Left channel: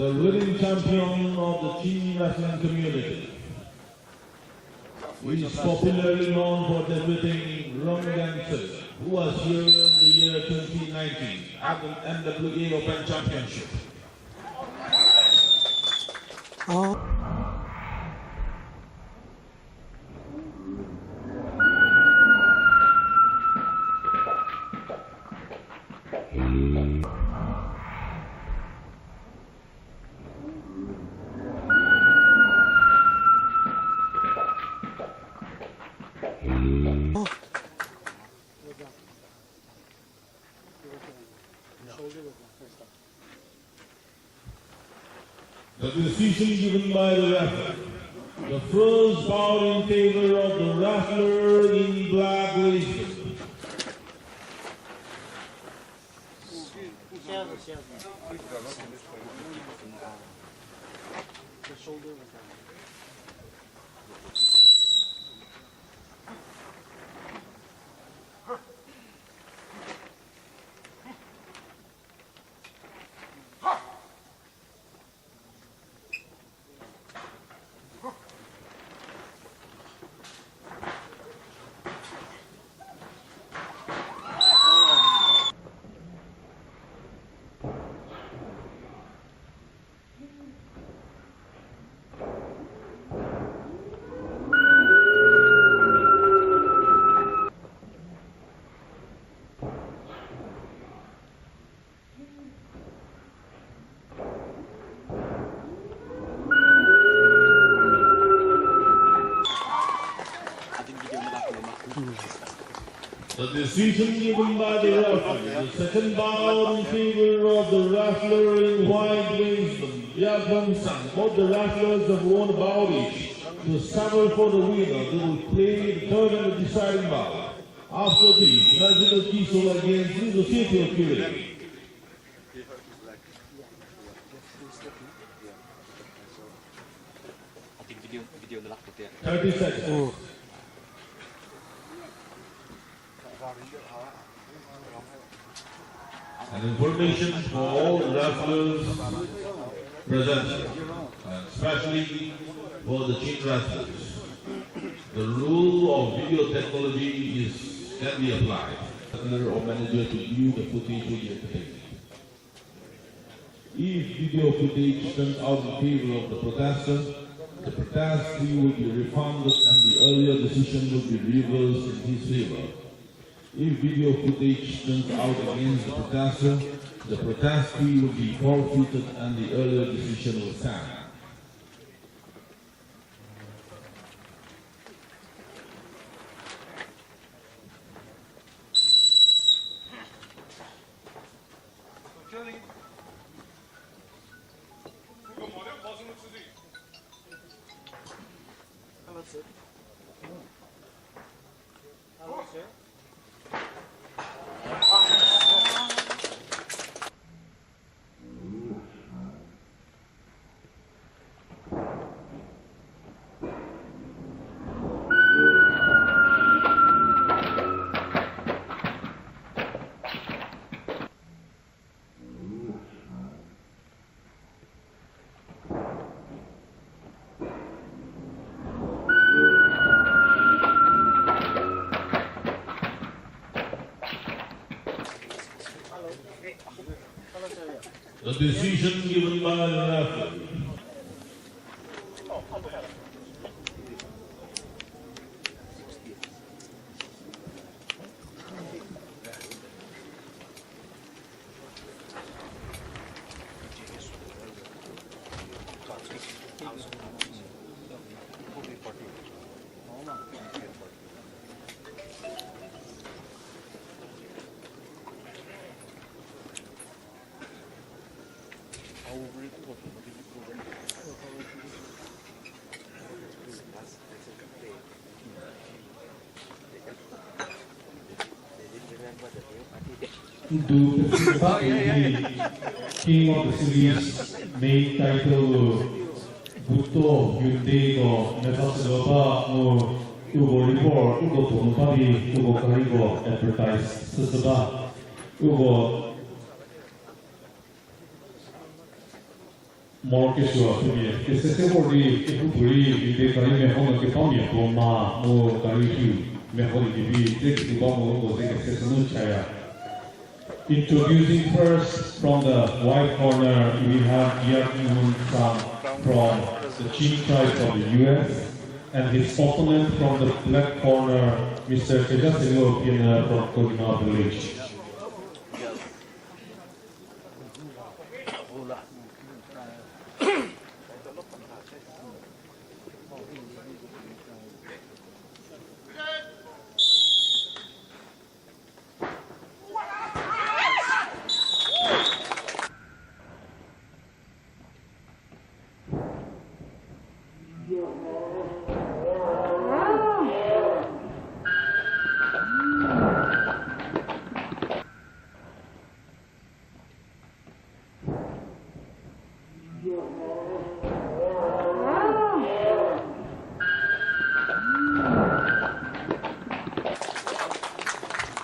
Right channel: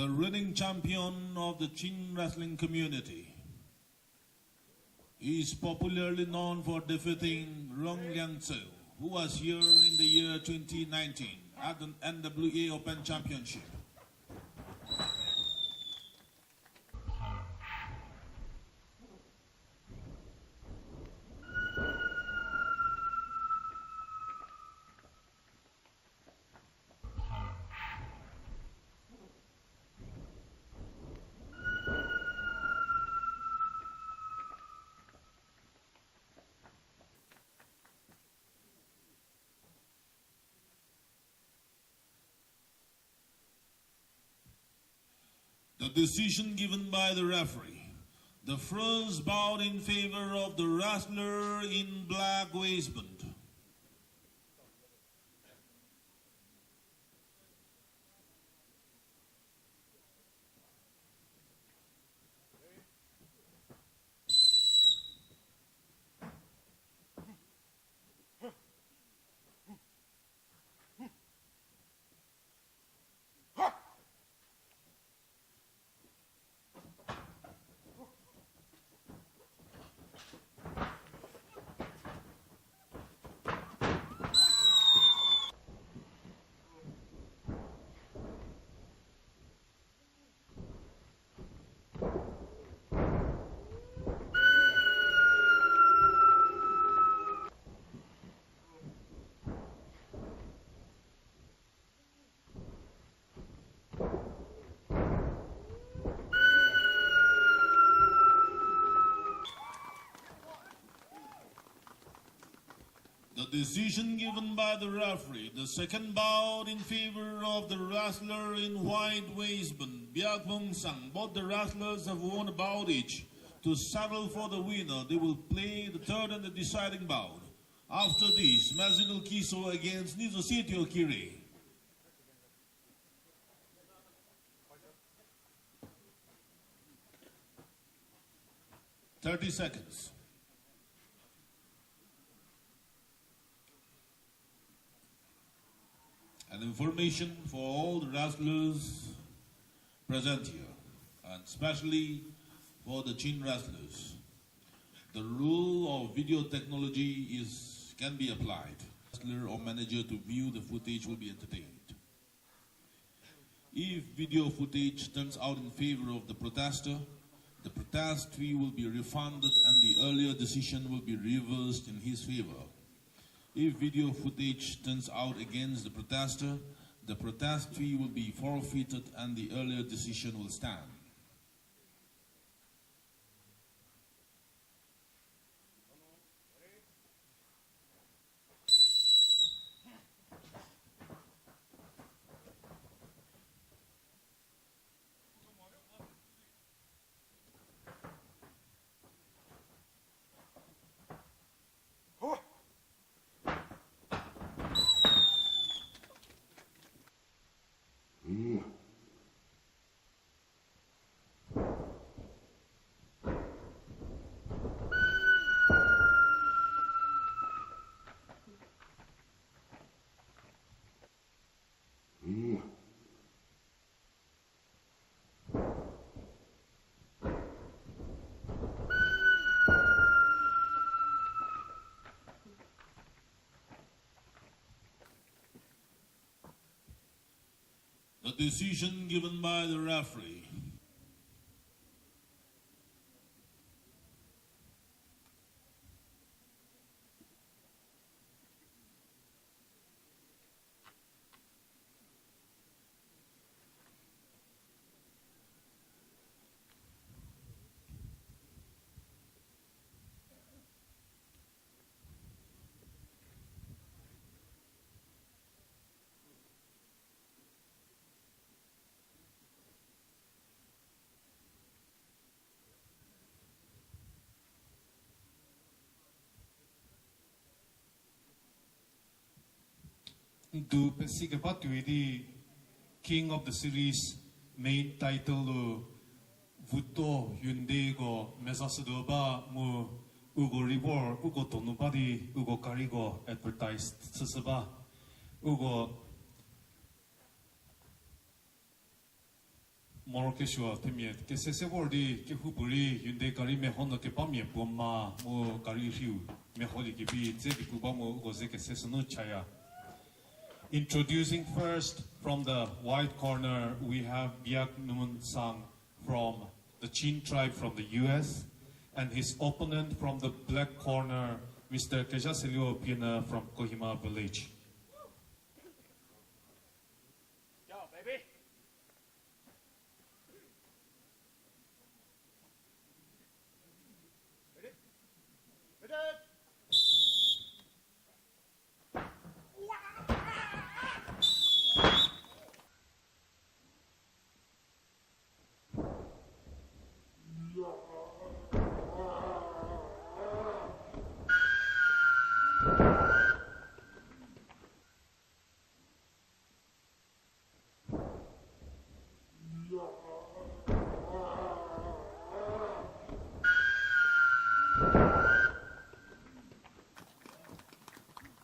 the reigning champion of the teen wrestling community. He is popularly known for defeating Rongansen, who was here in the year 2019 at the MWA Championship. The decision given by the referee. The first bout in favor of the wrestler in black waistcoat. The decision given by the referee, the second bout in favor of the wrestler in white waistcoat, Biak. Both the wrestlers have won a bout each. To settle for the winner, they will play the third and the deciding bout. After this, Naga Kisol against the City of Kure. 30 seconds. And information for all the wrestlers present, and especially for the teen wrestlers. The rule of video technology can be applied. Wrestler or manager to view the footage will be entertained. If video footage turns out in favor of the protester, the protest fee will be refunded and the earlier decision will be reversed in his favor. If video footage turns out against the protester, the protest fee will be forfeited and the earlier decision will stand. The decision given by the referee. To participate in the King of the Series main title Butto Hyundai no Mesasu ba no Ugo report Ugo Tonopabi Ugo Karigo advertise Sasaba Ugo more casual to me. This is a body if you believe the Caribbean home of the family of Roma, more Caribbean, Meholi, the Bombo was a seasonal chair. Introducing first from the white corner, we have Biak from the Chin tribe of the US, and his opponent from the black corner, Mr. Kejasilo Pina from Kodima village.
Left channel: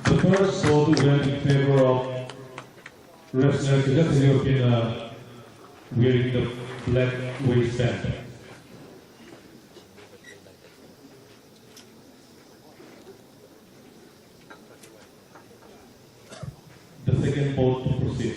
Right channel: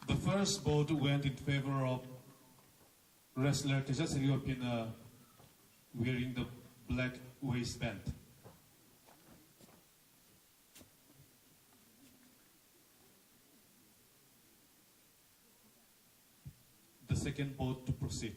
The first vote went in favor of wrestler Kejasilo Pina wearing the black waistband. The second vote to proceed.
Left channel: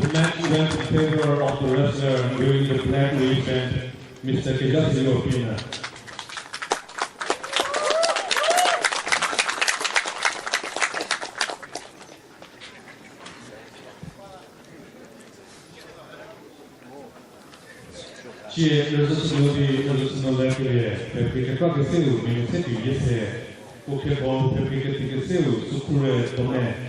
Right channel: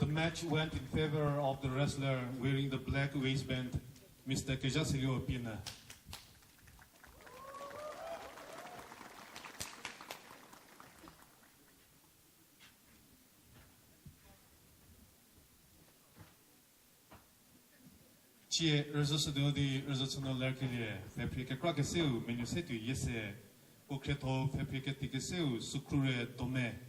The match went in favor of the wrestler wearing the black waistband, Mr. Kejasilo Pina. Ci resoluzione perché qualche selu mi senti yese o che ho perché ti selu su pure tome.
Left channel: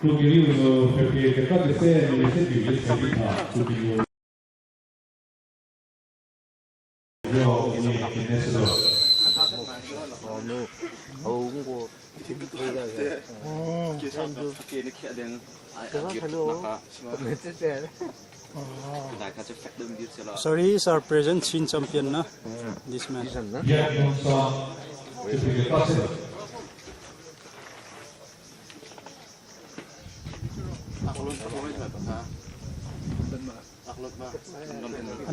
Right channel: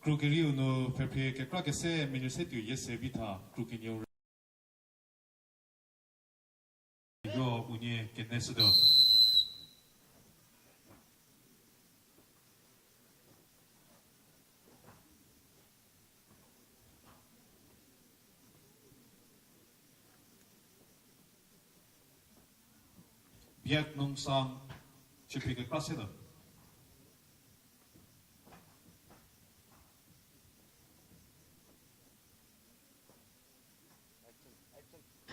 Lo che io perché qualche selu mi senti yese vita su Sorry, he's our present Chin champion, na? This man. Biak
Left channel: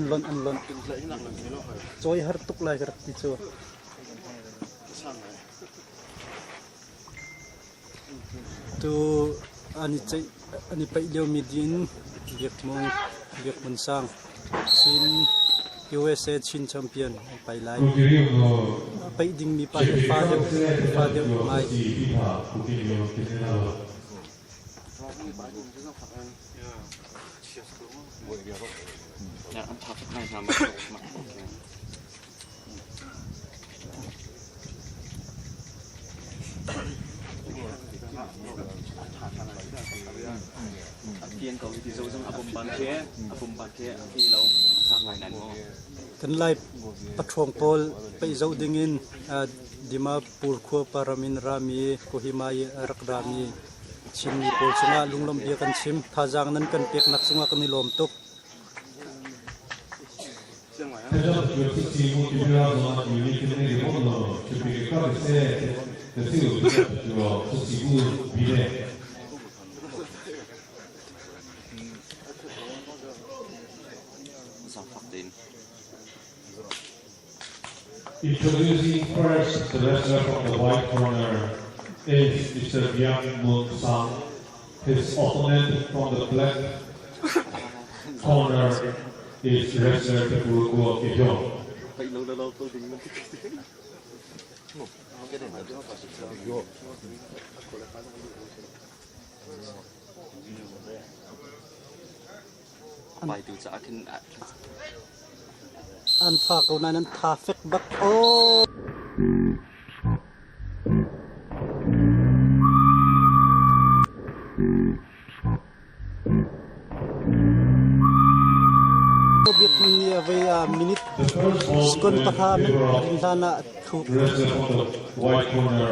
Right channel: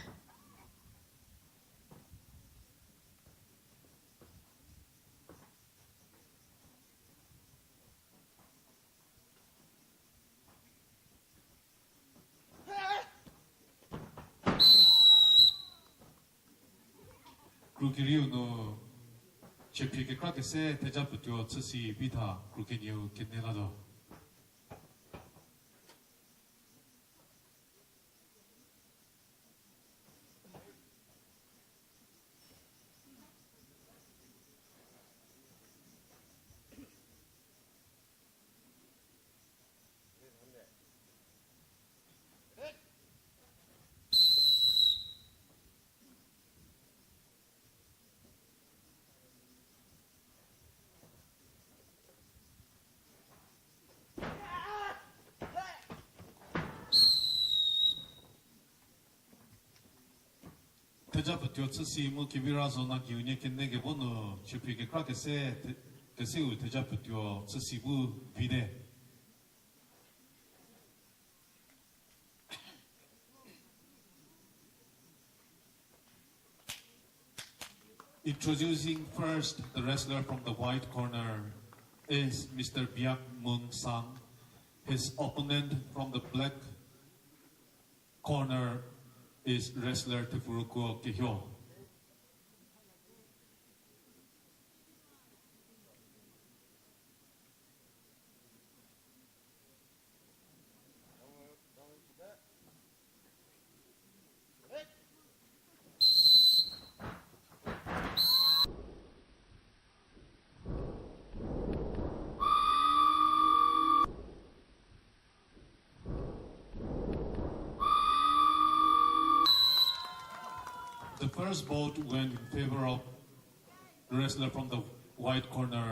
Anlon. Joy hartuk lah gerak itu. Tu ani pa ilaw midin Biak Hmun sang Chin USA Chin champion pai lai. Pai ding mi pa father mai. Kan lai patrong pol pa izaw dingin Dimapur ko paramin rami Kohimai rakrami Chin pol sunga lunglam dia kan sim thajang nan kan pek nak sunga kan nilom tok. Introducing first the wrestler from the white corner is Mr. Biak Hmun. His opponent from the black corner is wrestler Tepurko Kehyo. อันฝากเอานั้นทาเฟกบักโอเบียกมีเวียมินิทสกุลประธานริลานะถูก Wrestler from the white corner,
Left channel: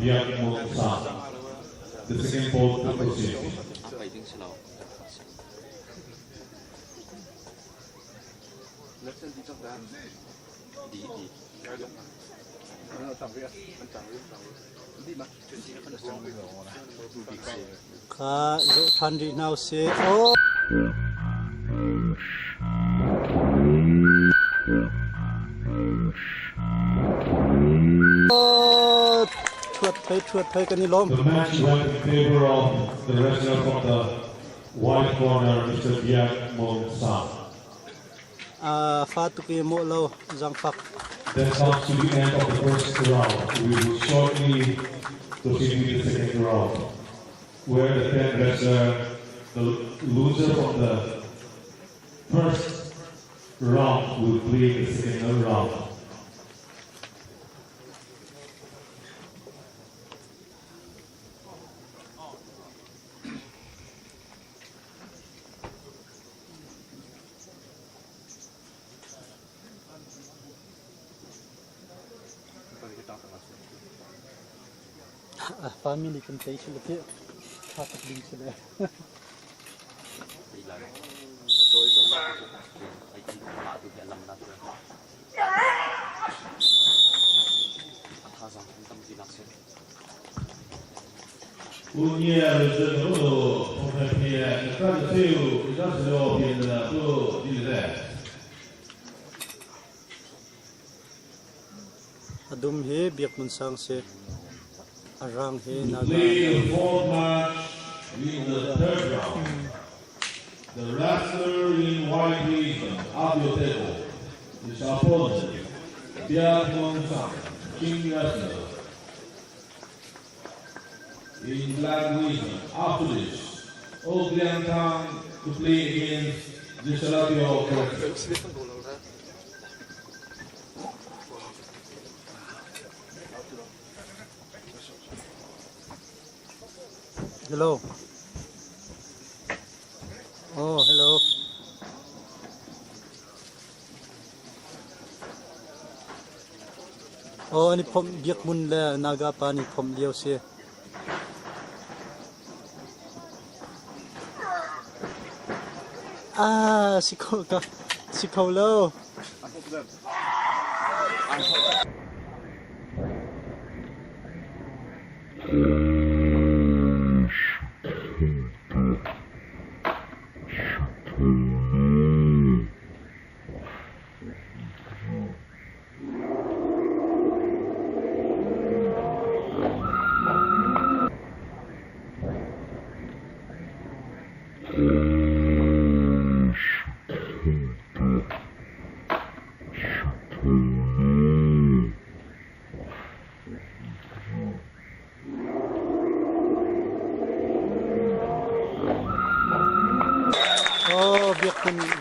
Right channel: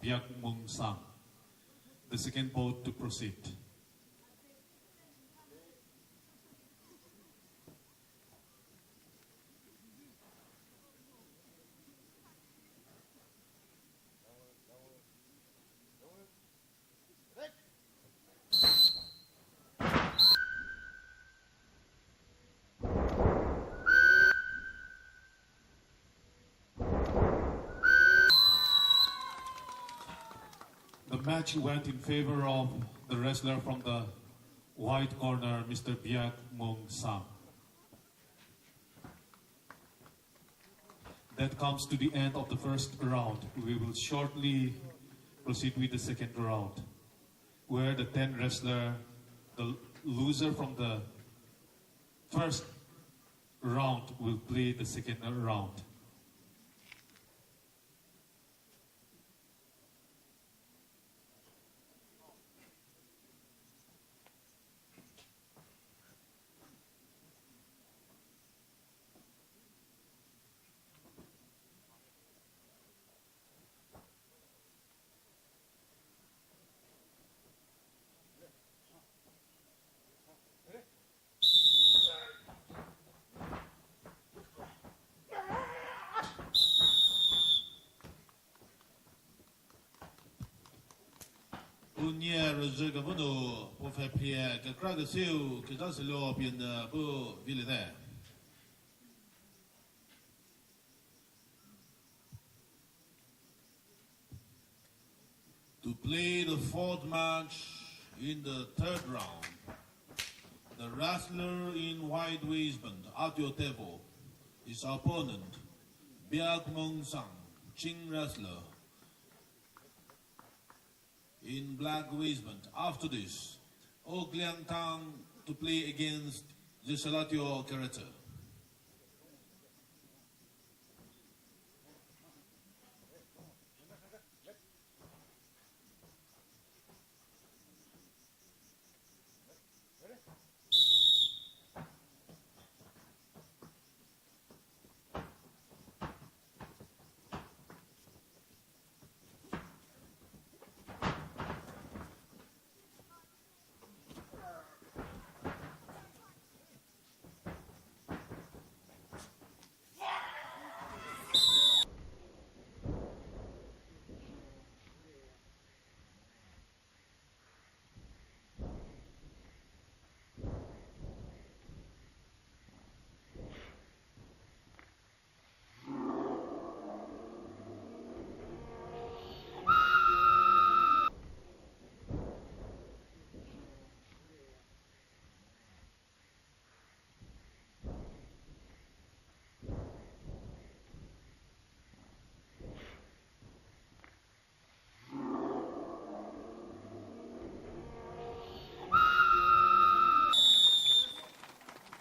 Biak Hmun. The second pole to proceed. Ka zo than ri now se o chuột phai kan ni lom The match went in favor of the wrestler from the white corner, Mr. Biak Hmun. fa tu ki mo lo jang phak That comes to the end of the first round. We will shortly proceed with the second round, where the 10 wrestler, the loser from the first round, will play the second round. family kan tai se le tha tak ding se le Unye rezen lo pongkai pie kan seu ida se lo pie de to di le adum he biak mun sang se arang he naga play the fourth match in the third round. The wrestler in white ribbon at your table is opponent Biak Hmun, Jing wrestler. In black ribbon after this, Oglian Tang to play against the Salatio character. hello oh hello oh ani phom biak mun le naga pa ni phom liao se si khâu lo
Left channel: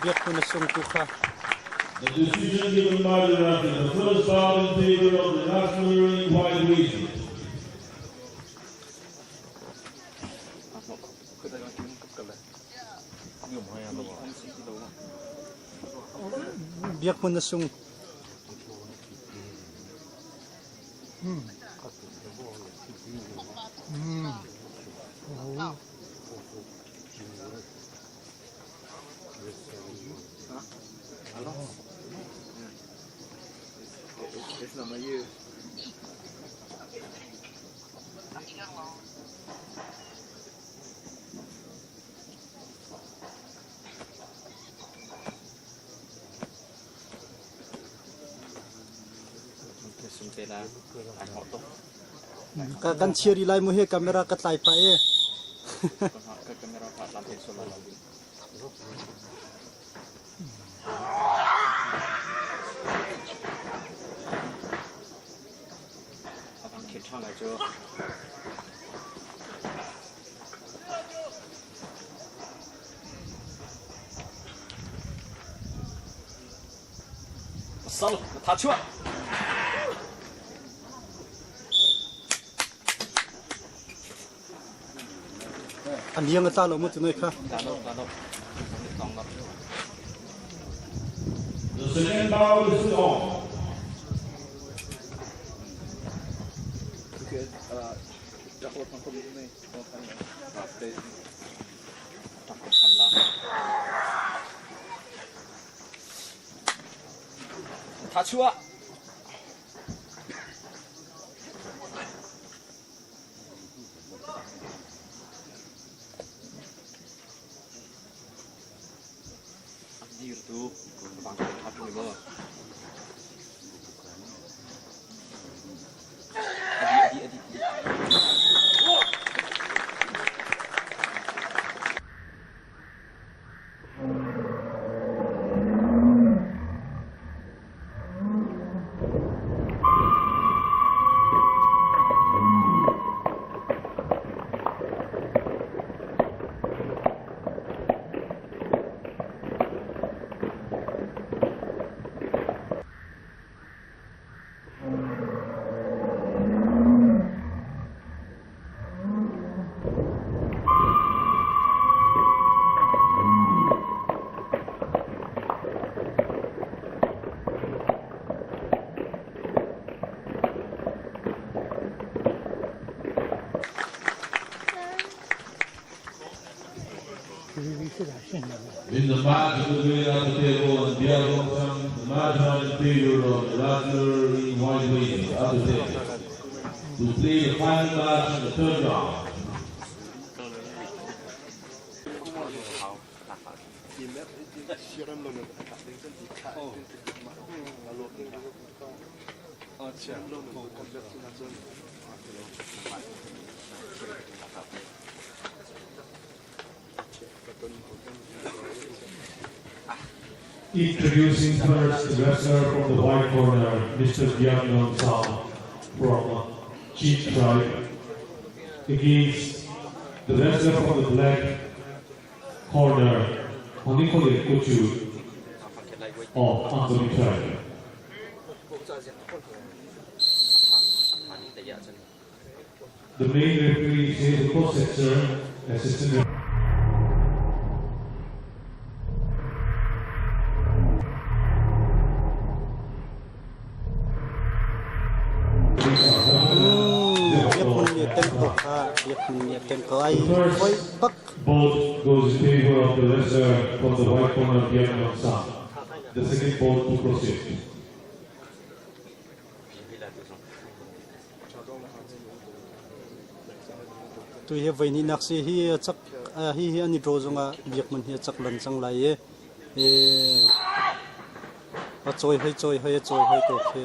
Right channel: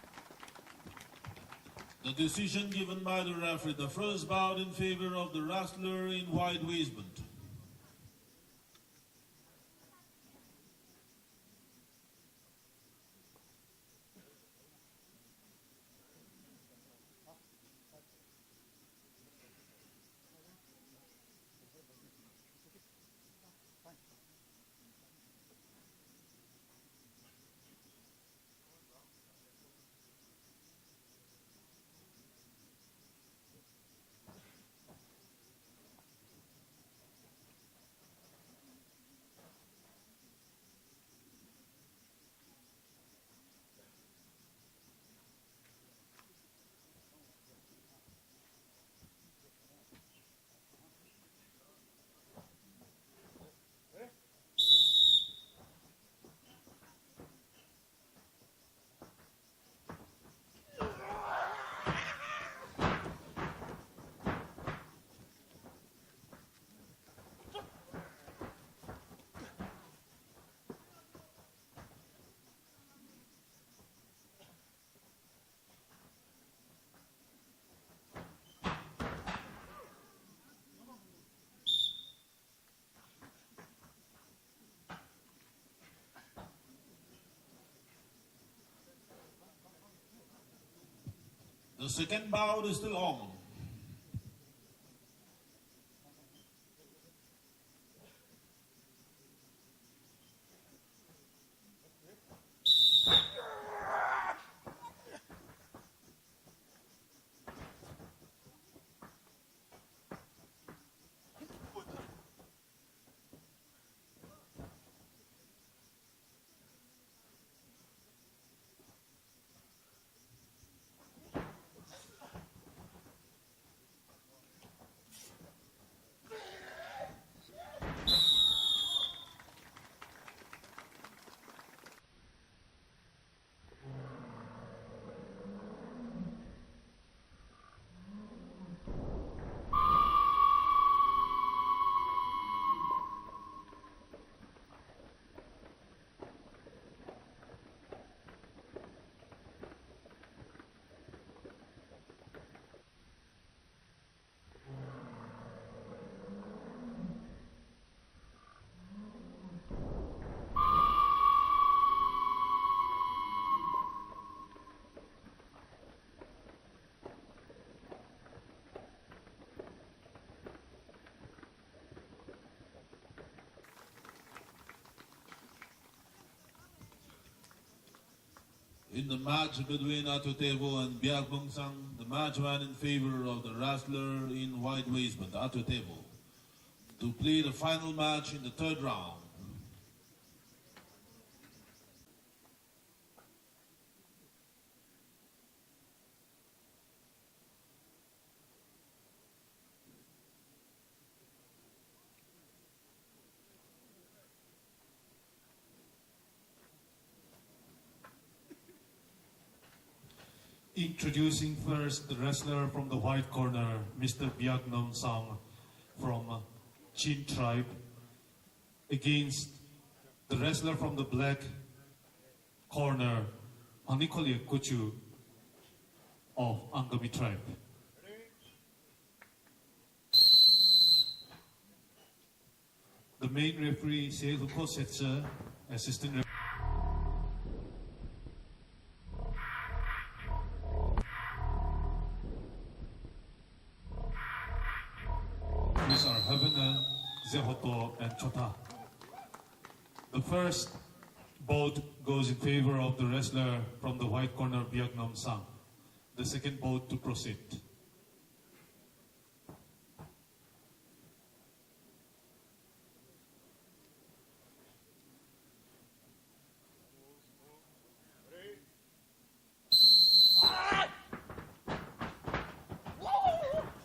biak kun sung tu kha The decision given by the referee, the first bout in favor of the wrestler in white ribbon. biak kun sung kan cheeri lai mu he camera ka tlai pa e 杀了他去吧。 อันนี้ยังก็ตาเราหมดเลยค่ะ The second bout is on.他去吧。 In the match of the winner of the table and Biak, the match in favor of the wrestler in white weight at the table to play the final match in the third round. Introducing first the wrestler from the white corner, Mr. Biak from Cheat Tribe, against the wrestler from the black corner, Honikole Kuchu of Angami Tribe. The main referee is the co-setzer, assistant referee. The first vote goes in favor of the wrestler from the white corner, Biak. The second vote to proceed. Tu hi vai ni nak si hi chak hi ani ro zonga biak man hi chak lan chang lai e a choi hai to khe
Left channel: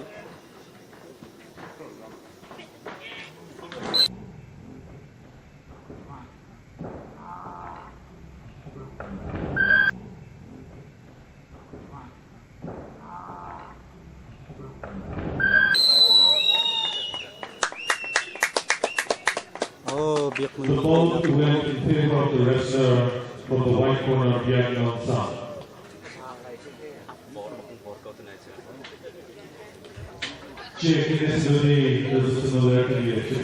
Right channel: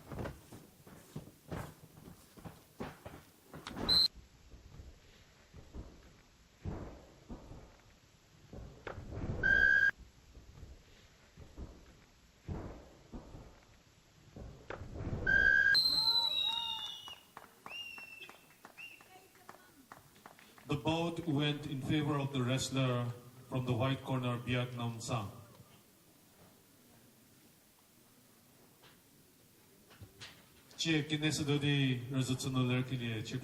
The vote went in favor of the wrestler from the white corner, Biak. Che che ne di sono le che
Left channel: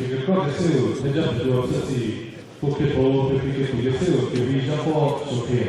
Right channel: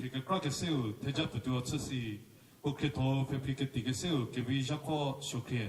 che cosa se ne già più si poche po' perché che le se che vi già po' so che